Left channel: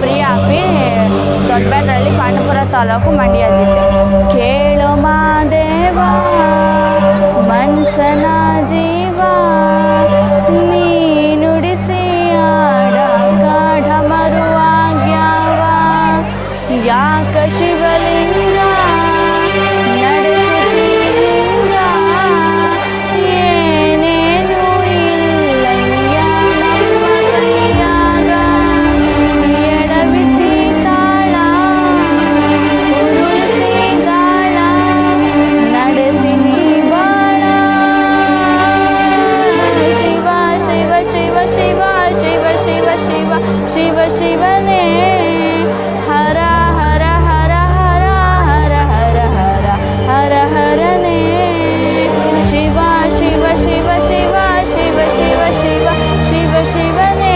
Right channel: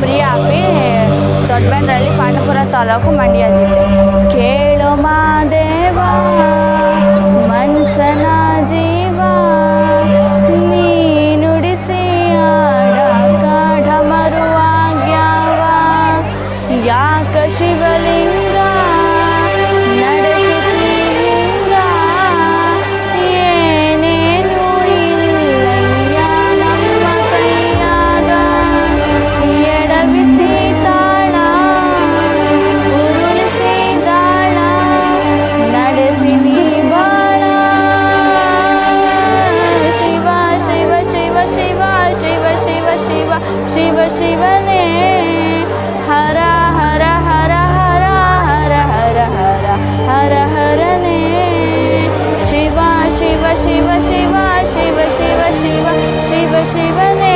Priya P ದೊಡ್ಡಬ್ಯಾಡ್ರಳ್ಳಿ Pandavapura taluk Mandya ಜಿಲ್ಲೆ. ಕೇಳೋ ಮಾದೇವ ಮನ್ಸನ ಜೀವ ನೀ ನುಡಿಸಿ ಆಡ ಕಾಢ ಮರುವಾಗ್ಯಾವ ಯಾಕ ಶಿವಲಿಂಗ ನಡೆಸುತ್ತಿ ಹಿಂಗ ಏನೇನು ಇಲ್ಲಯ್ಯ ನಮ್ಮ ಕೈಯಾಗ ಎಡವಿಸಿ ತಾಳ ಉರುಳಿಸಿ ದಾಳ ನಡೆಸಿ ನೀ ಬಾಳ ಶಿವ ಶಿವ ಶಿವ ಶಿವ ಶಿವ ಶಿವ ಶಿವ ಶಿವ ಶಿವನೇ ಹರ ಹರ ಹರ ಹರ ಹರ ಹರ ಹರ ಹರ ಹರನೇ ಶಿವ ಶಿವ ಶಿವ ಶಿವ ಶಿವ ಶಿವ ಶಿವ ಶಿವ ಶಿವನೇ